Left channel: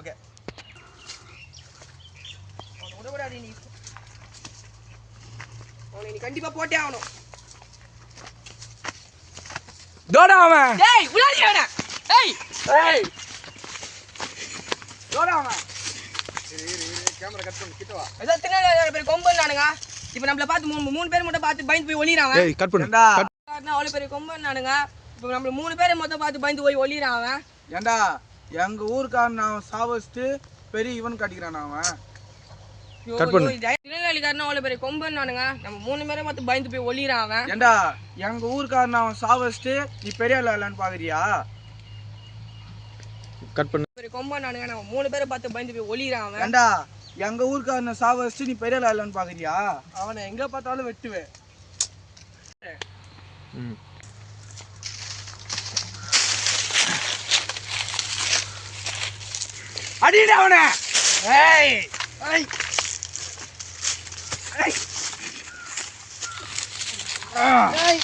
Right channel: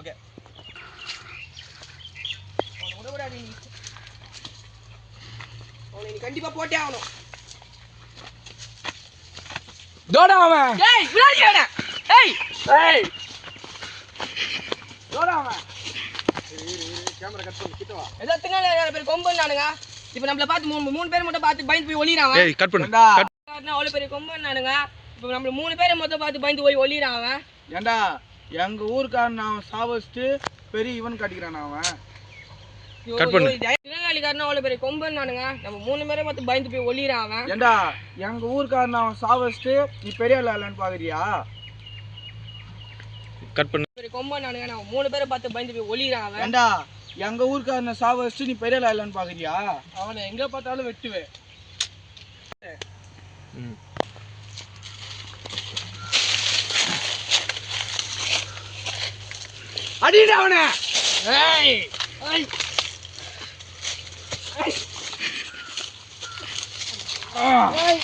Okay நீ கண்டிப்பா போட்டே ஆகணும். டோடா அவன். ஏய் விளையாடி வேணா. ஏய் ஏய் டோடா அவன். கேமரா கட் பண்ணி கிட்ட வா. ஏதோ தின்னால பேர் கொம்பன் நானுங்க. இப்போ நம்மள பார்த்து மூணு பேர் மட்டும் பார்த்து பயந்து போய் ஒளிறான் அவன். ஏய் கட் பண்ணு. ஏண்டா அவ்வளவு பெரிய கொம்பன் நானுங்க. இப்போ நம்மள 3 பேரை மட்டும் பார்த்து பயந்து போய் ஒளிறான் அவன். ஏண்டா எங்க ஊர்க்காரன் அவன் சாவஸ்ட் பெரிய இவன் காட்டிக்கிறான் அவன். கட் பண்ணு. திருநெல்வேலிக்காரன் அவ்வளவு பெரிய கொம்பன் நானுங்க. நம்ம 3 பேரை மட்டும் பயந்து போய் ஒளிறான் அவன். ஏண்டா எங்க ஊர்க்காரன் அவன் சாவஸ்ட் நீ பெரிய இல்லன்னு பாக்குறியா? கட் பண்ணு. பெரிய கொம்பன் நானுங்க. நம்ம 3 பேரை பார்த்து பயந்து போய் ஒளிறான் அவன். ஏண்டா எங்க ஊர்க்காரன சாவஸ்ட் நீ பெரிய இல்லன்னு பாக்குறியா? அவனை எங்க பார்த்தாலும் வெட்டுவேன். அடிடா அவனை. ஏய் ஏய் ஏய் ஏய்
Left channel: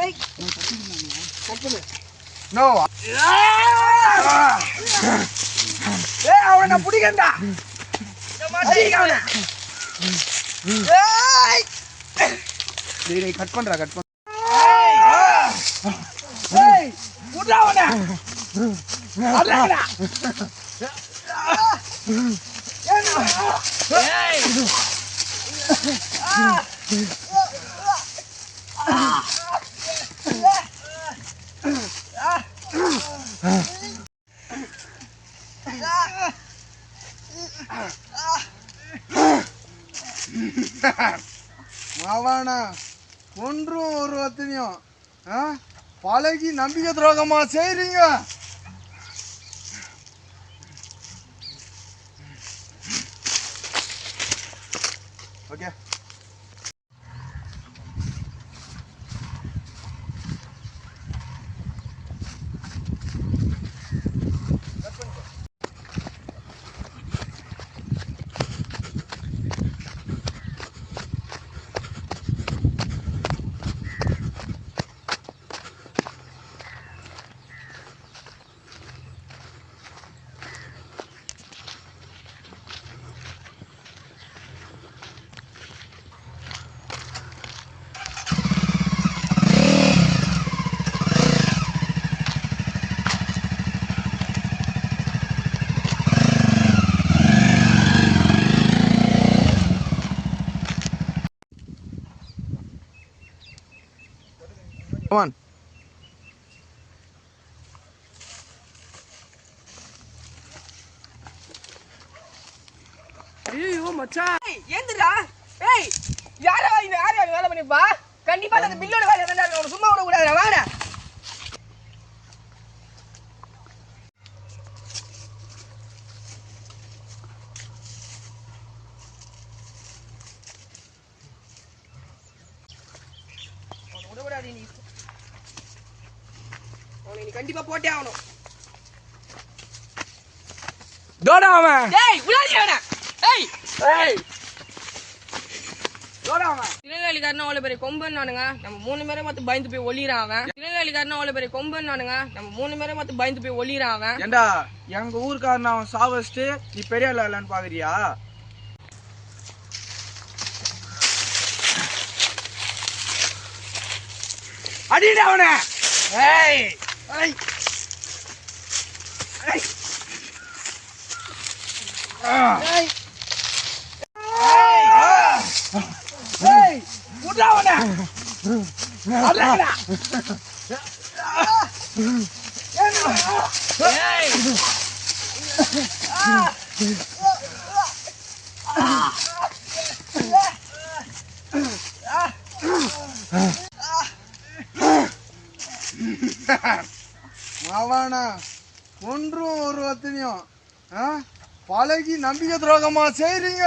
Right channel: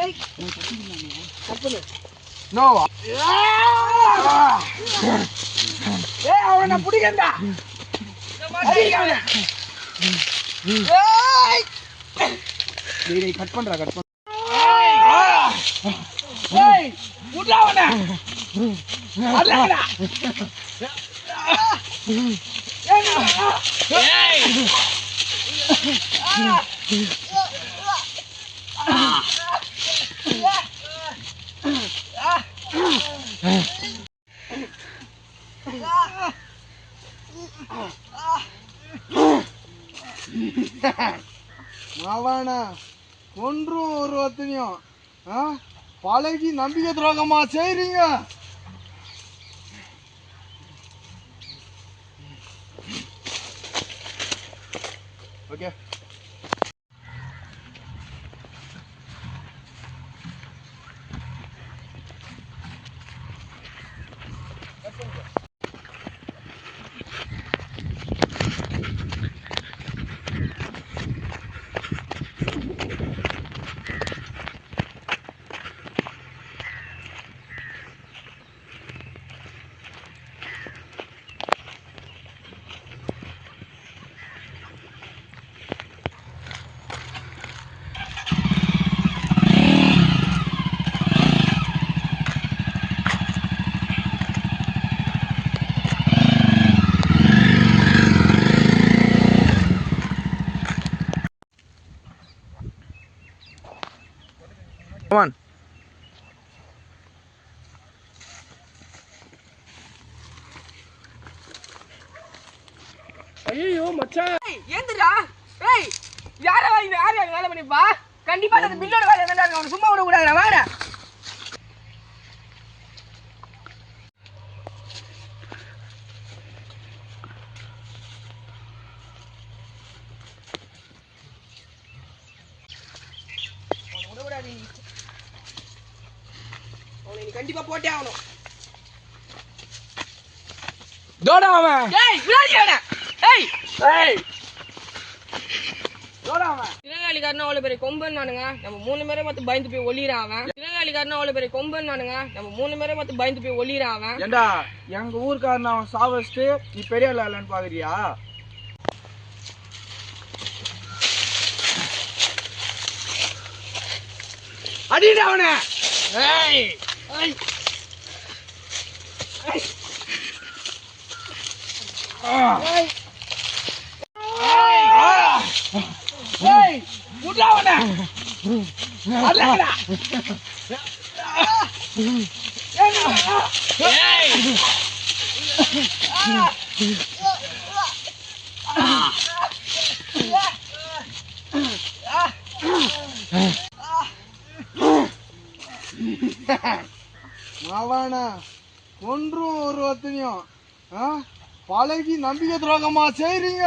ஏய் கட் பண்ணு. நோ ஏய் அவனை புடிங்கடா. அடிங்க அவனை. ஏய் டேய் கட் பண்றா கட் பண்ணு. ஏய் புடா அவனை. அடடா. ஏய் மாவானா கொன்றும் ஒரு வத்தனையும் பழகி நம்பிக்கை துரோகமா செய்றீங்க. Okay Come on. ஐயோ மச்சான். ஏய் ஏந்திரா. ஏய் யாரா வேலை பண்ணிப்பா? கண்டிப்பா அந்த பில்லோட வேலை என்னடா அவன சும்மா விட கூடாதுடா. வாடா. நீ கண்டிப்பா போட்டே ஆகணும். டோடா அவன். ஏய் விளையாடி வேணா. ஏய் ஏய் டோடா அவன். திருநெல்வேலிக்காரன் அவ்வளவு பெரிய கொம்பன் நானுங்க. நம்ம 3 பேரை மட்டும் பயந்து போய் ஒளிறான் அவன். திருநெல்வேலிக்காரன் அவ்வளவு பெரிய கொம்பன் நானுங்க. நம்ம 3 பேரை மட்டும் பயந்து போய் ஒளிறான் அவன். ஏண்டா எங்க ஊர்க்காரன் அவன் சாவஸ்ட் நீ பெரிய இல்லன்னு பாக்குறியா? அடிடா அவனை. ஏய் ஏய் ஏய் ஏய் ஏய் புடா அவனை. அடடா. ஏய் மாவானா கொன்றும் ஒரு வத்தனையும் பழகி நம்பிக்கை துரோகமா செய்றீங்க.